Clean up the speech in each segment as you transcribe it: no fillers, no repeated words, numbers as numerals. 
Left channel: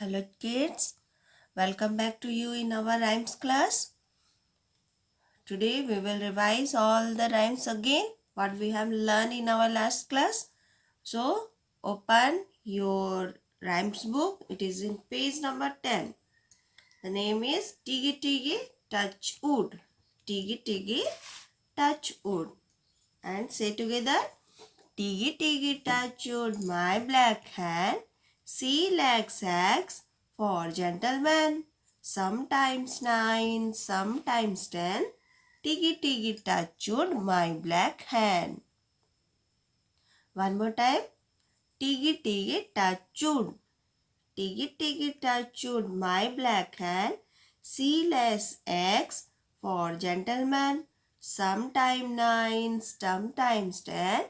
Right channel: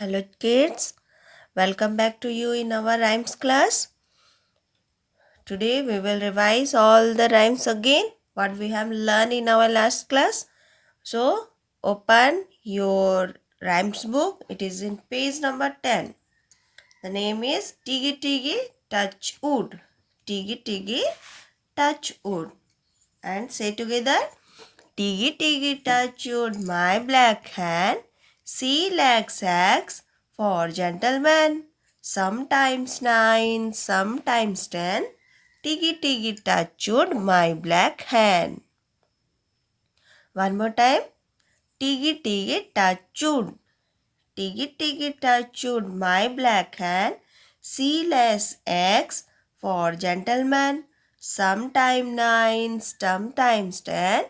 Hello kids, welcome back to you in our rhymes class. Today we will revise all the rhymes again what we have learned in our last class. So open your rhymes book. It is in page number 10. The name is Tiggy Tiggy Touch Wood. Tiggy Tiggy Touch Wood. And say together, Tiggy Tiggy touch wood, my black hand. Sea lag sacks for gentlemen. Sometimes 9, sometimes 10. Tiggy Tiggy touch wood, my black hand. One more time. Tiggy Tiggy touch wood. Tiggy Tiggy touch wood, my black hand. Sea less eggs for gentlemen. Sometime 9, sometimes 10.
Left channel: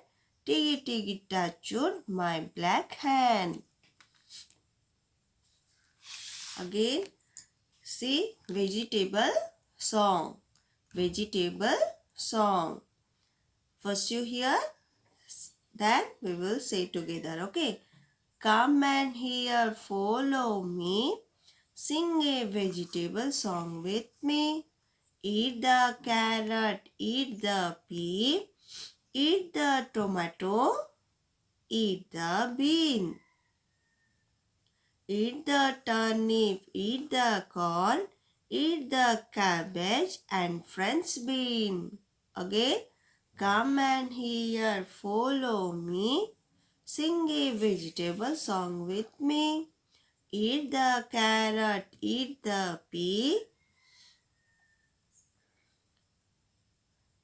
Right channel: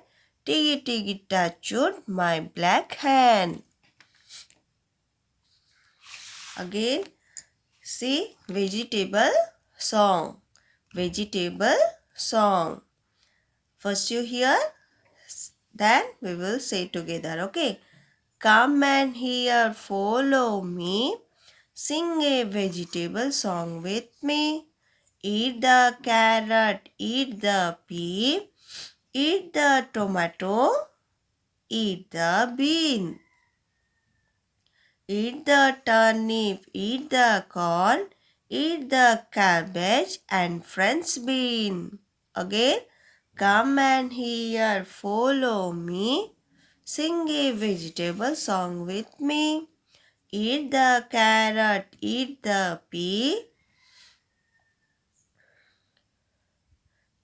Tiggy Tiggy touch wood, my black hand. Again, see vegetable song. Vegetable song. First you hear, then we will say together. Okay. Come and hear, follow me. Sing a vegetable song with me. Eat the carrot, eat the pea. Eat the tomato, eat the bean. Eat the turnip, eat the corn, eat the cabbage and French bean. Again, come and hear, follow me. Sing a vegetable song with me. Eat the carrot, eat the pea.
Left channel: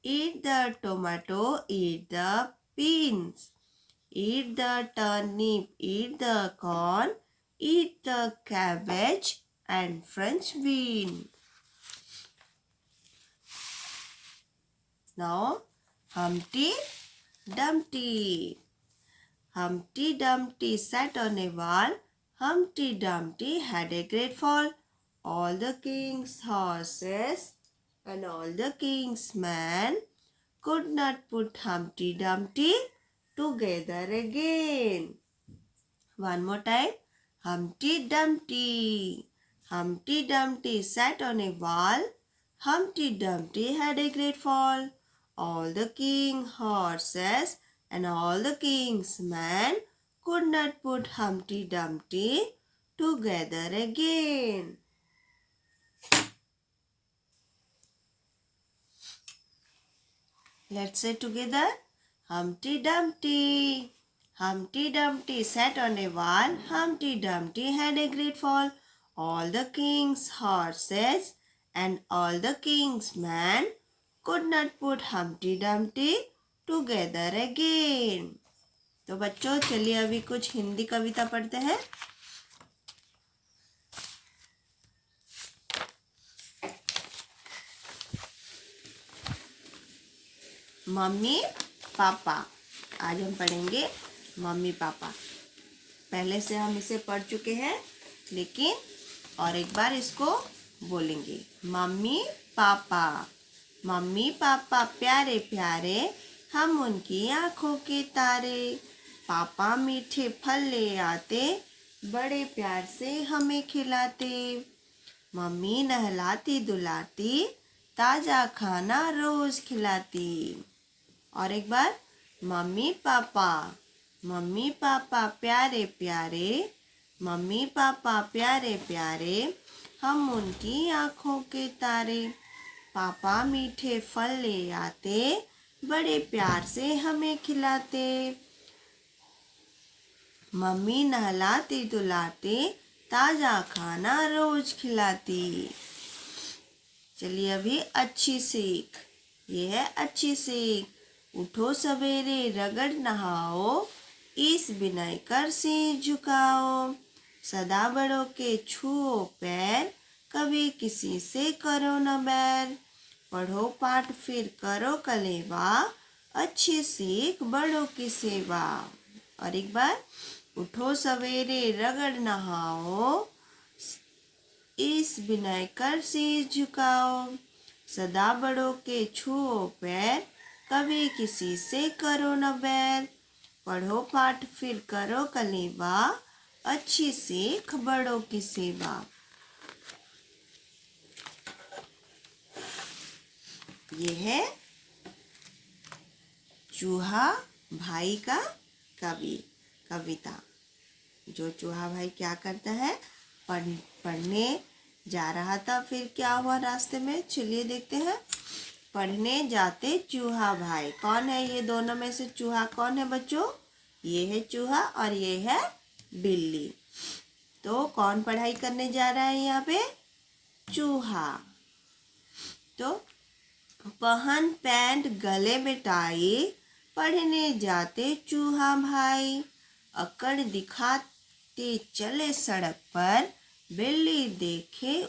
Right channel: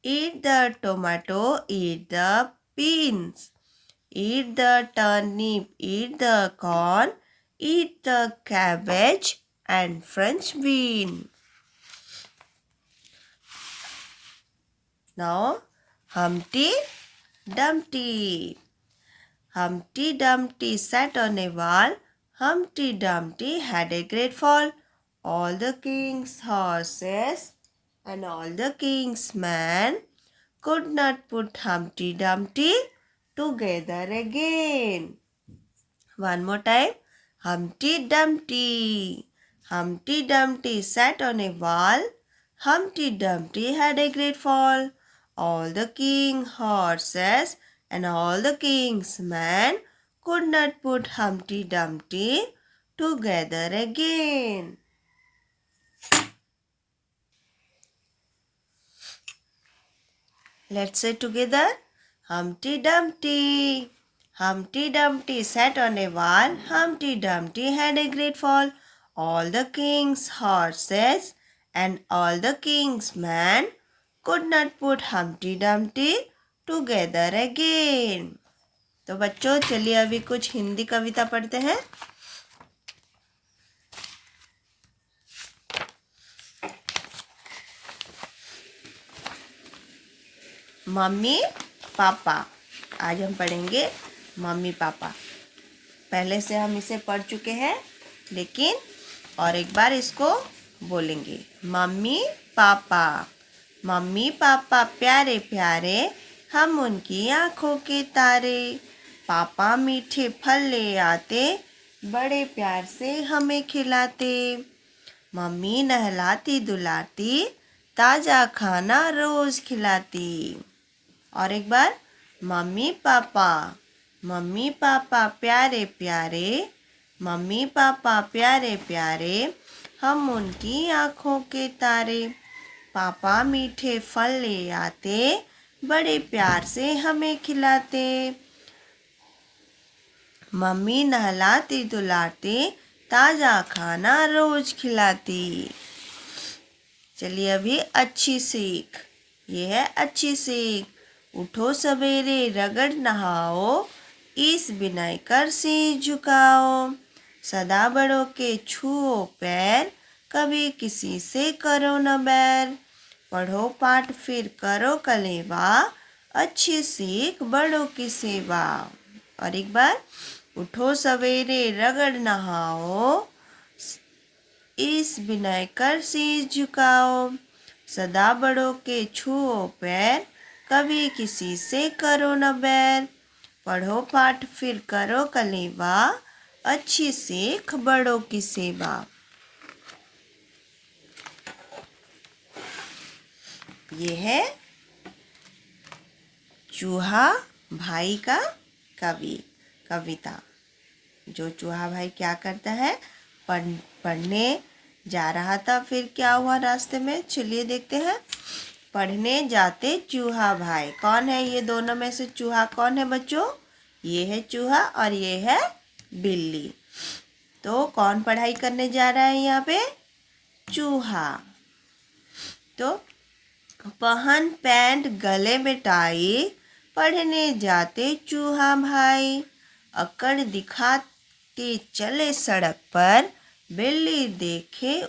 Eat the tomato, eat the beans. Eat the turnip, eat the corn, eat the cabbage and French bean. Now, Humpty Dumpty. Humpty Dumpty sat on a wall. Humpty Dumpty had a great fall. All the king's horses and all the king's men could not put Humpty Dumpty together again. One more time. Humpty Dumpty. Humpty Dumpty sat on a wall. Humpty Dumpty had a great fall. All the king's horses and all the king's men could not put Humpty Dumpty together again. Let's say together. Humpty Dumpty. Humpty Dumpty sat on a wall. Humpty Dumpty had a great fall. All the king's horses and all the king's men could not put Humpty Dumpty together again. तो बच्चों चलिए अभी कुछ हिंदी कविता पढ़ते हैं. Mummy papa. आज हम पढ़ेंगे मम्मी पापा. पहले से हम इसे पढ़ चुके हैं लेकिन और एक बार इसको बोलेंगे. Mummy papa. मम्मी पापा प्यारे प्यारे हम उनकी आँखों के तारे. पापा मीठे फल ले आते बड़े प्यार से हमें खिलाते. मम्मी नहलाती धुलाती ताज़ा खाना रोज खिलाती. और एक बार मम्मी पापा. मम्मी पापा प्यारे प्यारे. मम्मी पापा प्यारे प्यारे हम उनकी आँखों के तारे. पापा मीठे फल ले आते बड़े प्यार से हमें खिलाते. मम्मी नहलाती धुलाती ताज़ा खाना रोज खिलाती. चलिए अभी अच्छी सीख. ये है अच्छी सीख. उठो सवेरे रगड़ नहाओ इस बिनाई कर सिर झुकाओ. सदा बड़ों के छुओ पैर कभी किसी से करो न बैर. पढ़ो पाठ फिर करो कलेवा अच्छी सीख बड़ों की सेवा. और एक बार उठो सवेरे रगड़ नहाओ इस बिनाई कर सिर झुकाओ. सदा बड़ों के छुओ पैर कभी किसी से करो न बैर. पढ़ो पाठ फिर करो कलेवा अच्छी सीख बड़ों की सेवा। ये है चूहा भाई का कविता। जो चूहा भाई क्या करता है, पढ़ने जा रहा था, फिर क्या हुआ रास्ते में, चलिए देखते हैं। पढ़ने जाते चूहा भाई, कौन है ये दोनों में से चूहा कौन है बच्चों? ये है चूहा और ये है बिल्ली। तो कौन पढ़ाई करने जा रहा है यहाँ पे? चूहा। तो पहन पैंट गले में टाई, पढ़ने जाते चूहा भाई, अकड़ दिखाते चले सड़क पर, बिल्ली देखे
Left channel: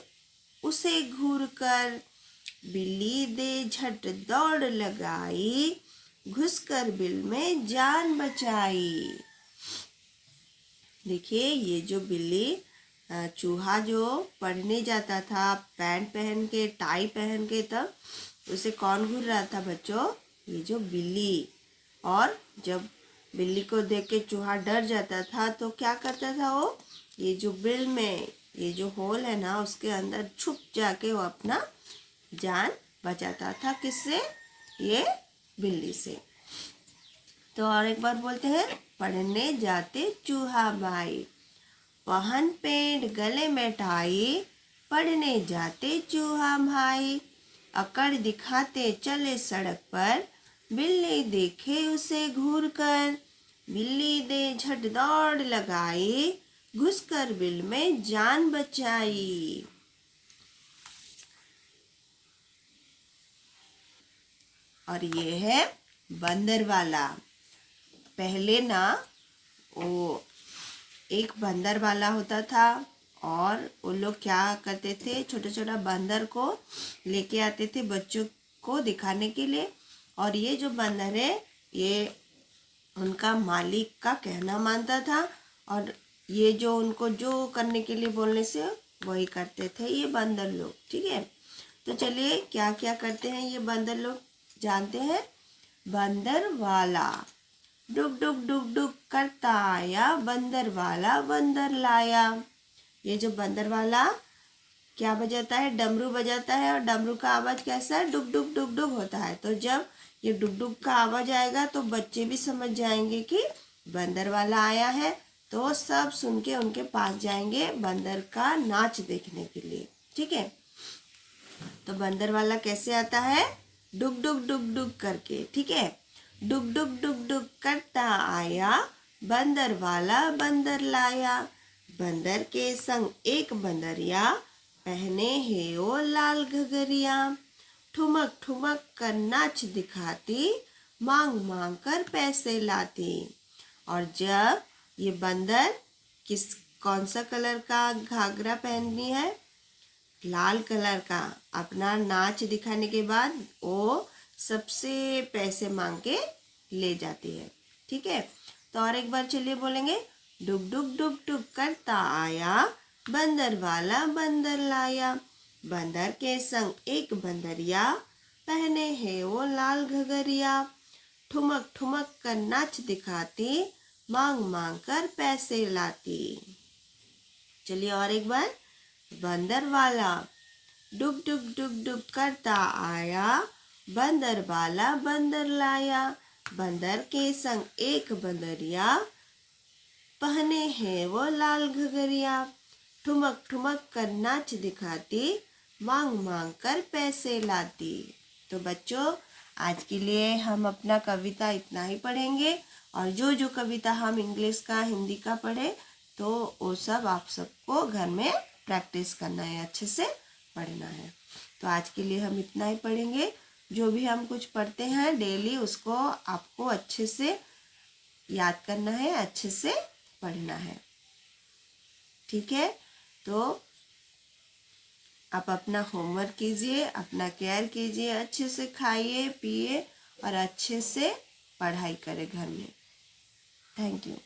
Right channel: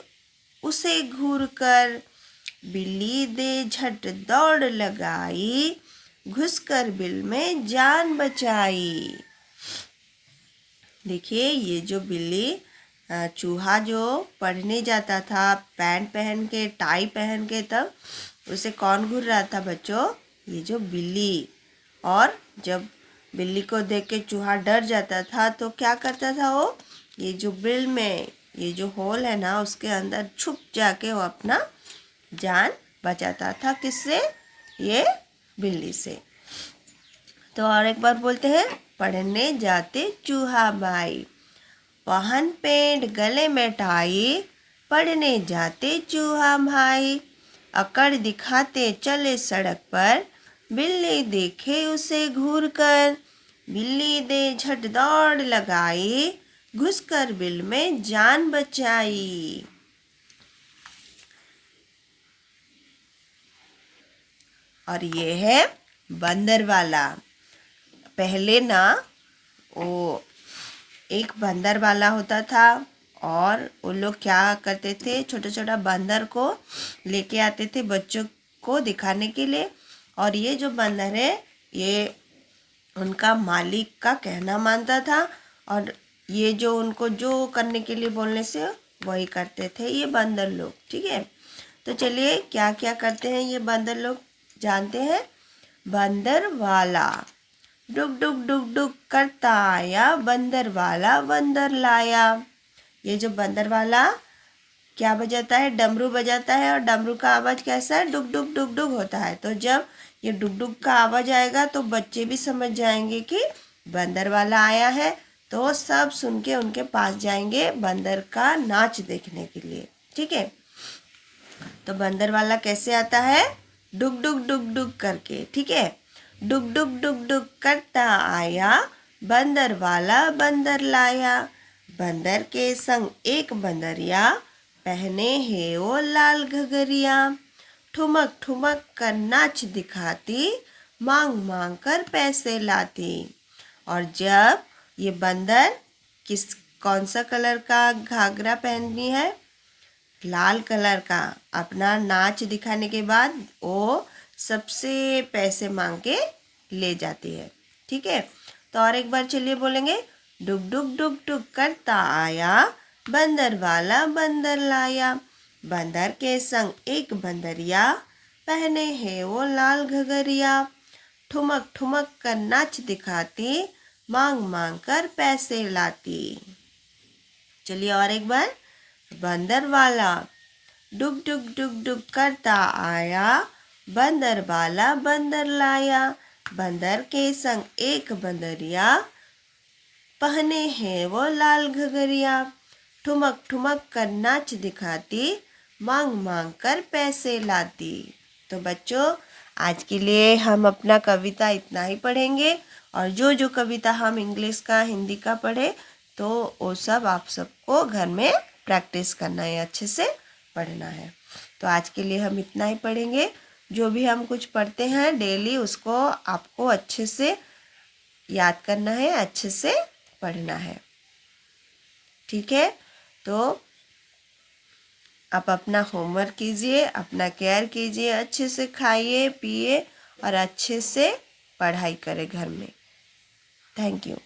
उसे घूर कर, बिल्ली दे झट दौड़ लगाई, घुसकर बिल में जान बचाई। देखिए ये जो बिल्ली, चूहा जो पढ़ने जाता था पैंट पहन के टाई पहन के, तब उसे कौन घूर रहा था बच्चों? ये जो बिल्ली। और जब बिल्ली को देख के चूहा डर जाता था तो क्या करता था वो? ये जो बिल में ये जो होल है ना, उसके अंदर छुप जाके वो अपना जान बचाता था। किससे? ये बिल्ली से। तो और एक बार बोलते हैं, पढ़ने जाते चूहा भाई, पहन पेंट गले में टाई, पढ़ने जाते चूहा भाई, अकड़ दिखाते चले सड़क पर, बिल्ली देखे उसे घूर कर, बिल्ली दे झट दौड़ लगाई, घुसकर बिल में जान बचाई। और ये है बंदर वाला। पहले ना वो एक बंदर वाला होता था और वो लोग क्या करते थे, छोटा छोटा बंदर को लेके आते थे बच्चों को दिखाने के लिए। और ये जो बंदर है ये उनका मालिक का कहना मानता था और ये जो उनको जो करने के लिए बोलने से वही करते थे ये बंदर लोग। ठीक है, तो चलिए क्या क्या करते हैं ये बंदर लोग जानते हैं। बंदर वाला, डुग डुग डुग डुग करता आया, बंदर वाला बंदर लाया। ये जो बंदर वाला क्या बजाता है? डमरू बजाता है और डमरू का आवाज़ कैसा है? डुग डुग डुग डुग होता है। तो जब ये डुग डुग का आवाज़ आएगा तो बच्चे भी समझ जाएंगे कि बंदर वाला आया है, तो सब सुन के उनके पास जाएंगे बंदर का नाच देखने के लिए। ठीक है, तो बंदर वाला कैसे आता है? डुग डुग डुग डुग करके। ठीक है, डुग डुग डुग डुग करता आया, बंदर वाला बंदर लाया, बंदर के संग एक बंदरिया, पहने है वो लाल घगरिया, ठुमक ठुमक कर नाच दिखाती, मांग मांग कर पैसे लाती। और जब ये बंदर कौन सा कलर का घाघरा पहनती है? लाल कलर का। अपना नाच दिखाने के बाद वो सबसे पैसे मांग के ले जाती है। ठीक है, तो और एक बार चलिए बोलेंगे, डुग डुग डुग डुग करता आया, बंदर वाला बंदर लाया, बंदर के संग एक बंदरिया, पहने है वो लाल घगरिया, ठुमक ठुमक कर नाच दिखाती, मांग मांग कर पैसे लाती। चलिए और एक बार, बंदर वाला डुग डुग डुग डुग करता आया, बंदर वाला बंदर लाया, बंदर के संग एक बंदरिया, पहने हैं वो लाल घगरिया, ठुमक ठुमक कर नाच दिखाती, मांग मांग कर पैसे लाती। तो बच्चों आज के लिए हम अपना कविता इतना ही पढ़ेंगे और जो जो कविता हम इंग्लिश का हिंदी का पढ़े तो वो सब आप सबको घर में प्रैक्टिस करना है, अच्छे से पढ़ना है। तो आज के लिए हम इतना ही पढ़ेंगे। जो भी हम कुछ पढ़ते हैं डेली उसको आपको अच्छे से याद करना है, अच्छे से पढ़ना है। ठीक है, तो आप अपना होमवर्क कीजिए, अपना केयर कीजिए, अच्छे से खाइए पिए और अच्छे से पढ़ाई करें घर में। Thank you.